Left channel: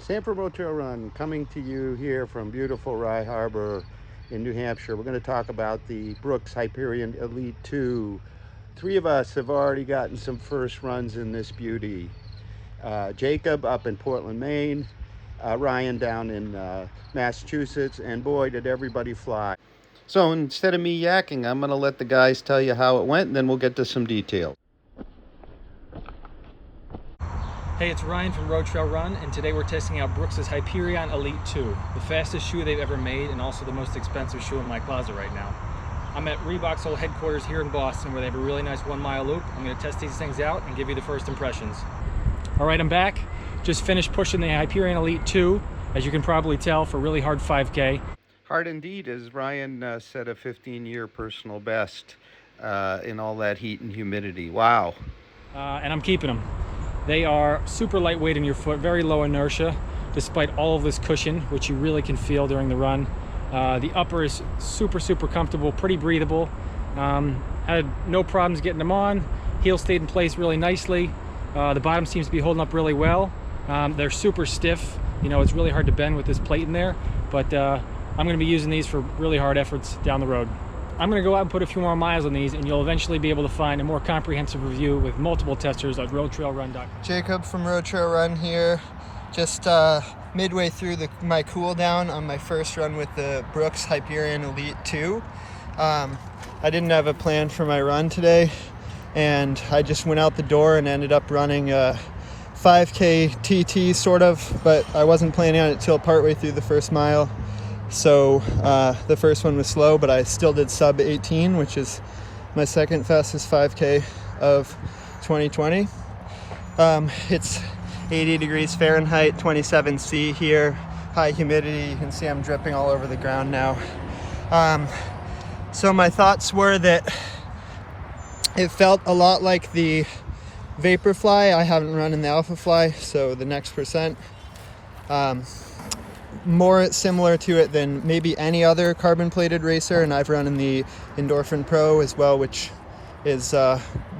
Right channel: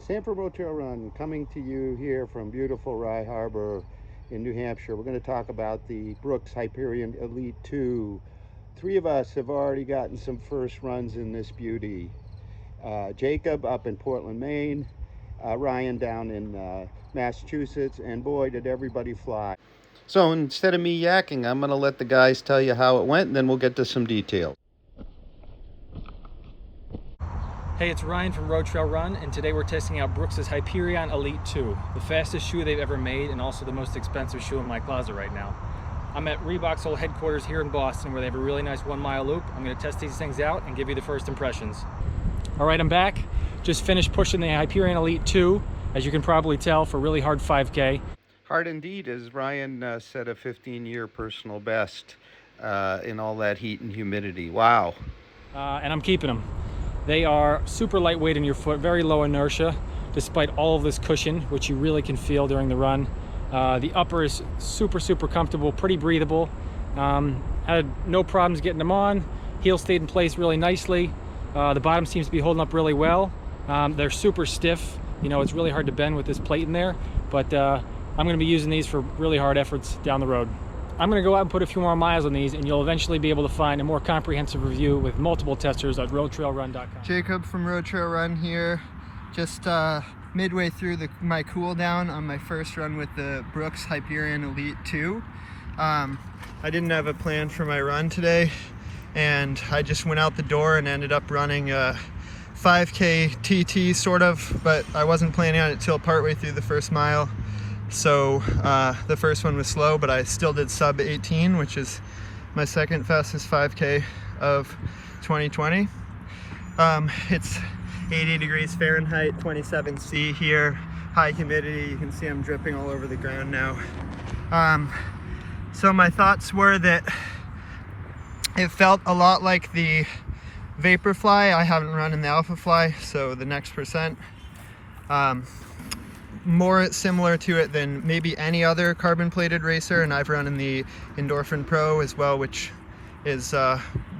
Sam from RoadTrailRun coming to you here from beautiful Rye Harbor in New Hampshire. We're going to talk about the Brooks Hyperion Elite 2. Three of us have already gotten some first runs in this beauty. Jacob up in Portland, Maine, Ryan down in Massachusetts, and boy, did everybody fly. So instead of me yakking, I'm going to let the guys tell you how it went, and then we'll get to some details. Hey, it's Ryan from RoadTrailRun, and today we're testing out Brooks' Hyperion Elite 2, the fastest shoe they've ever made and also the most expensive shoe in my closet right now. I'm at Reebok's old headquarters here in Boston where they have a really nice 1 mile loop. I'm going to test these things out and give you the first impressions. All right, I'm back. Just finished pushing the Hyperion Elite 2, as you can probably tell, for really hard 5K. Hard indeed, as Ryan set a 15-year personal best in all that heat and humidity. Wow. And I'm keeping them. They are super lightweight in your foot, very low inertia, despite all of this cushion, which you really can feel during the run. The upper is super comfortable, pretty breathable. Had no problems getting them on. Heel stayed in place really nicely. The bottom seems to be holding up really well. They're super stiff. You know, it's really hard to bend with this plate in there, but I'm going to be using these for really hard efforts down the road. I'm going to go out and put a few more miles on these, and you'll eventually be able to find a more comprehensive review with multiple testers at RoadTrailRun.com. Jacob from RoadTrailRun here, just midway through my cool down on my first run with the Brooks Hyperion Elite 2. I didn't have a plan for my run today, and I just went out the door and ended up running a 5K TT sort of, but I wasn't planning on it till partway through the first mile. So the first one was slow, but I still did sub 18, which is my second fastest 5K of 2020. It's 80 degrees Fahrenheit, 27 C here, high humidity. You can see I'm dripping all over the ground now. So my thoughts were that it felt a lot like the Vaporfly. I haven't run in the Alphafly, so the next percent. More similar to it than maybe any other carbon plated racer, and I've run in the Endorphin Pro as well, which is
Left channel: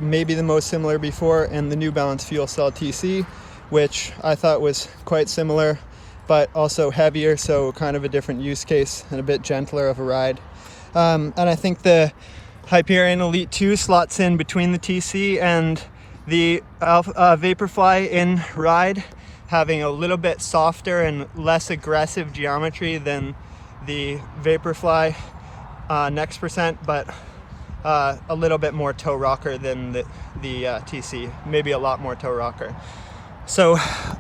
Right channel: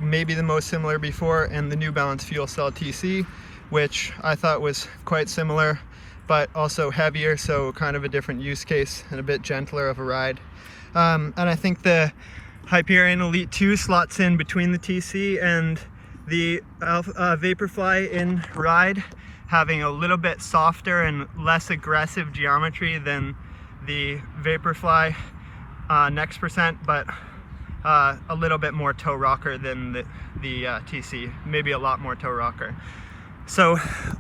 maybe the most similar before, and the New Balance Fuel Cell TC, which I thought was quite similar but also heavier, so kind of a different use case and a bit gentler of a ride. And I think the Hyperion Elite 2 slots in between the TC and the Vaporfly in ride, having a little bit softer and less aggressive geometry than the Vaporfly next percent, but a little bit more toe rocker than the TC, maybe a lot more toe rocker. So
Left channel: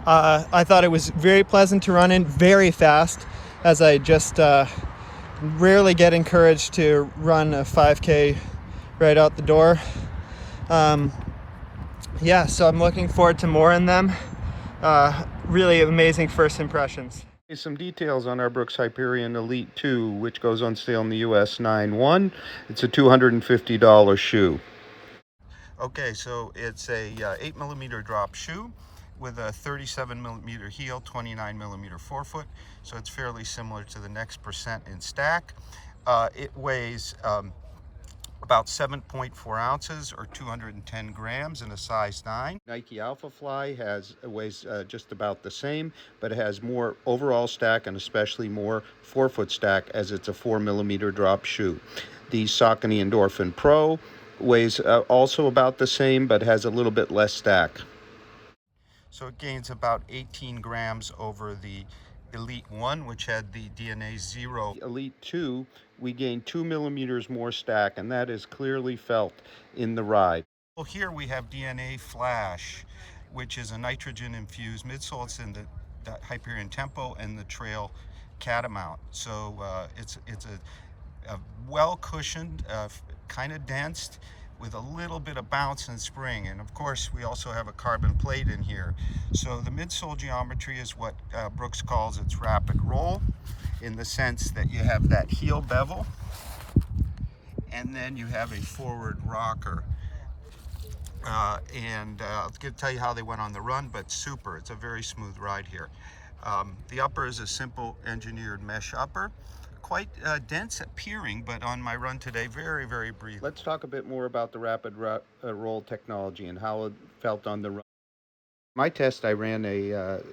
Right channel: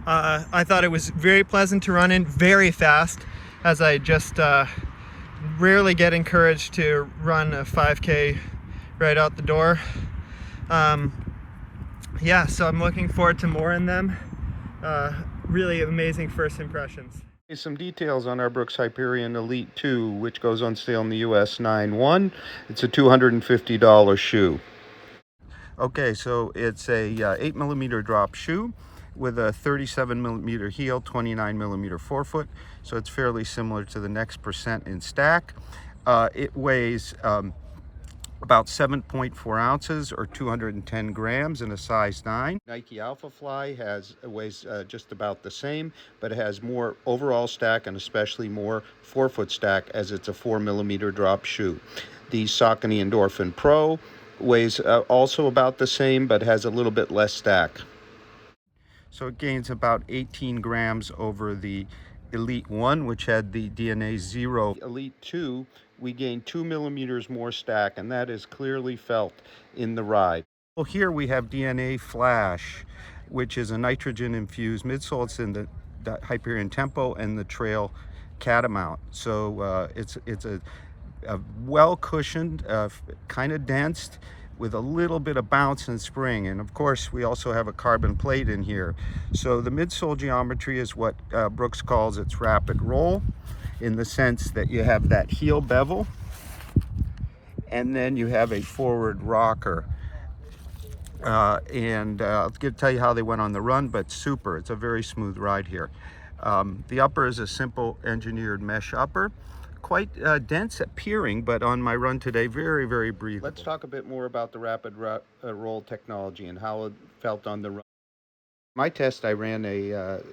I thought it was very pleasant to run in, very fast, as I just rarely get encouraged to run a 5K right out the door. Yeah, so I'm looking forward to more in them. Really amazing first impressions. Some details on our Brooks Hyperion Elite 2, which goes on sale in the US 9/1. It's a $250 shoe. Okay, so it's a 8mm drop shoe with a 37mm heel, 29mm forefoot. So it's fairly similar to the next percent in stack. It weighs about 7.4 ounces or 210 grams in a size 9. Nike Alphafly weighs just about the same, but it has more overall stack and especially more forefoot stack, as it's a 4mm drop shoe. The Saucony Endorphin Pro weighs also about the same, but has a little bit less stack. So it gains about 18 grams over the Elite 1, which had the DNA 0. Elite 2, we gained 2mm more stack, and that is clearly felt in the ride. Well, here we have DNA Flash, which is a nitrogen infused midsole. It's in the Hyperion Tempo and the Trail Catamount. So it's a well cushioned, kind of dense, with a little bit of bounce and spring. And of course, we also have a carbon plate in here. So the midsole geometry is what Brooks calls its rapid roll, in the sense that you have that heel bevel, and then you have a forward rocker. I'll tell you how they went on the run, but super. It's a very smooth ride here. The upper is a simple engineered mesh upper. Quite dense appearing, but on my run today, very breathable. Let's talk a bit more about the rapid roll technology and how it felt on the run. My test, I ran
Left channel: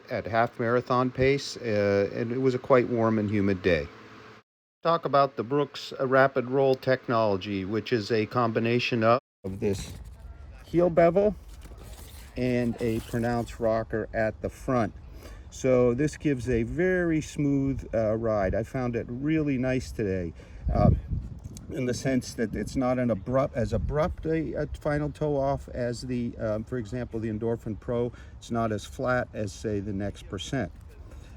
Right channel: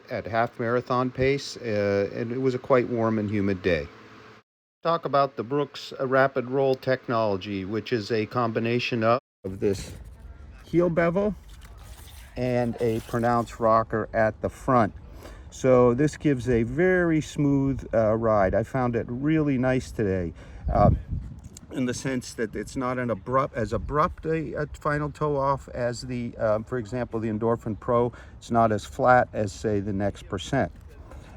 at half marathon pace, and it was a quite warm and humid day. Talk about the Brooks Rapid Roll technology, which is a combination of this heel bevel and a pronounced rocker at the front. So this gives a very smooth ride. I found it really nice today. In the sense that it's not as abrupt a final toe off as the, for example, the Endorphin Pro. It's not as flat as, say, the Next Percent.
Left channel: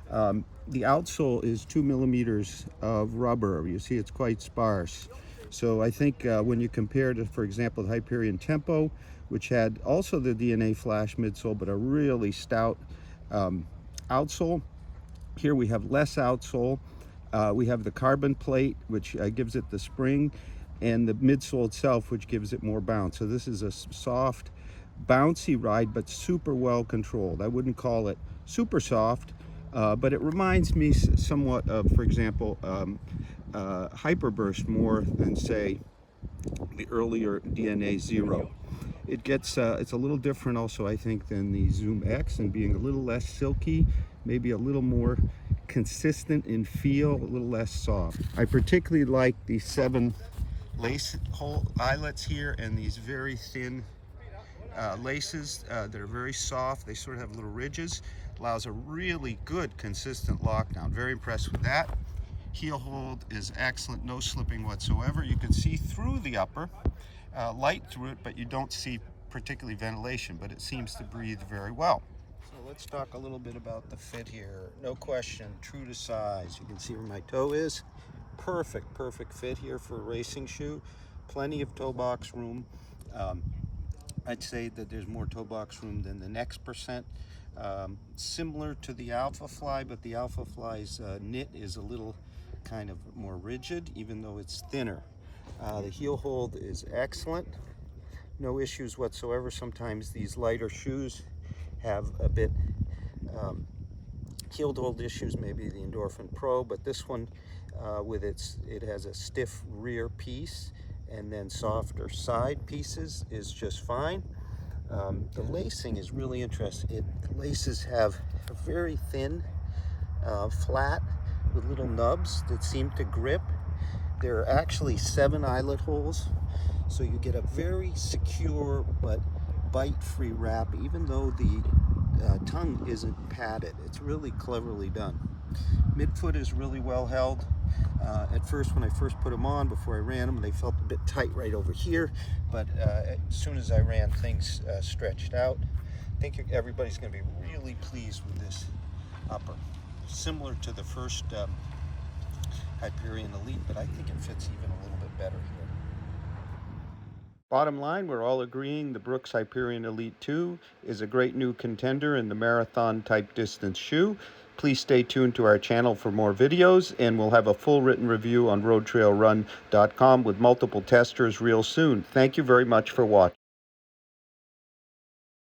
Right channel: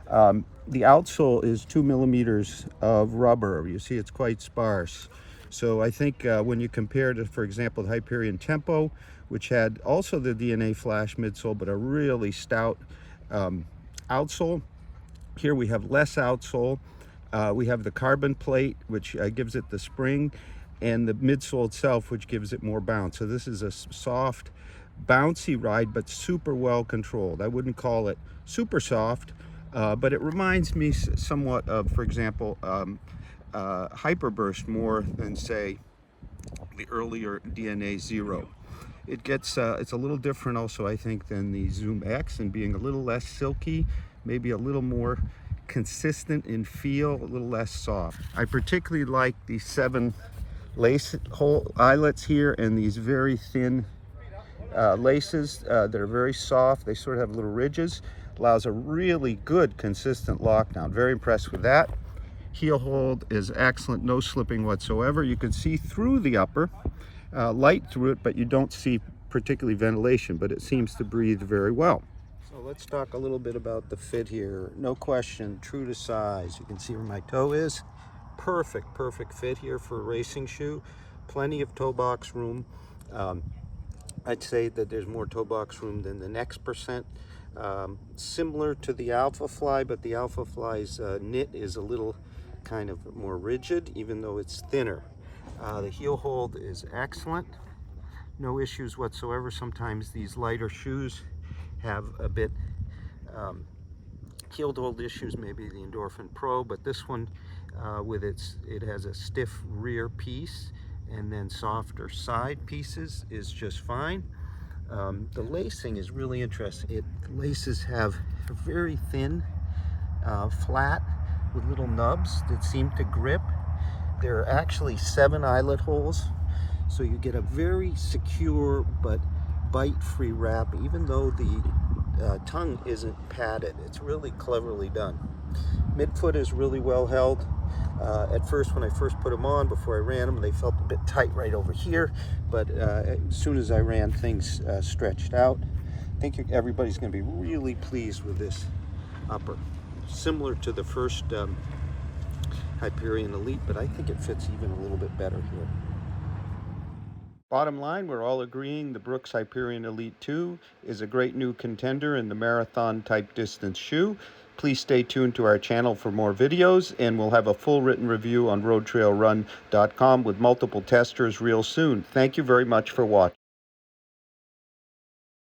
The outsole is 2 millimeters of rubber. You see, it's quite sparse. So I think when you compare to, for example, the Hyperion Tempo, which had also the DNA Flash midsole, but a really stout outsole, here we have less outsole. We have the carbon plate, which gives it the spring, and the midsole itself, which gives it more bounce. So this is a soft, bouncy ride, but super well controlled. I wouldn't call it super soft, but it reminds me somewhat of, for example, Hyperburst more than, say, the earlier DNA Zero. It gets, it's a little different also, I think, than the Zoom X, and being a little less silky, maybe a little more consistent in feel, a little less soft. I particularly like the 7 lace hole eyelets here, and these very thin laces that are very soft. They sort of have little ridges. Allows a really good consistent lockdown. Very impressed with that. Heel hold is excellent, no slipping whatsoever. You can see through the upper, light through it, but you don't see particularly ventilation, but it seems to breathe very well. So let's talk a little bit about the fit here. No question, true to size. You can see where my toe is. Perfect fit here for a racing shoe. Plenty of toe box room. I'd say that there's more toe box room than the Next Percent. Similar to the Alpha Fly, but the Alpha Fly's knit is a little kind of more rigid, even though it's thinner. The heel hold is excellent. No issues whatsoever. Sometimes these lighter shoes have a bit heel hold issues, maybe the Endorphin Pro, but this one it has a stiff rear piece and then softer side pieces is just fine. The lacing is really interesting. The laces have a very thin, flat, with little nubs that seem to grip. There are actually 7 eyelet holes, so you get a very secure but bite-free wrap, even though the tongue isn't padded. It's really cleverly done. Midfoot is really well held. At first, when I first put them on, before I ran them, they felt a bit tight right over here, but as soon as I ran, things stretched out. I think everybody's going to be really pleased with this upper. Similar to the first Hyperion Elite, but I think it fits even a little bit better here. Bottom line, we're all agreeing the Brooks Hyperion Elite 2 is a great new contender in the marathon type distance shoe. Please stay tuned to our channel for more videos, and we'll have a full written review on RoadTrailRun.com with multiple testers real soon. Thank you very much for watching.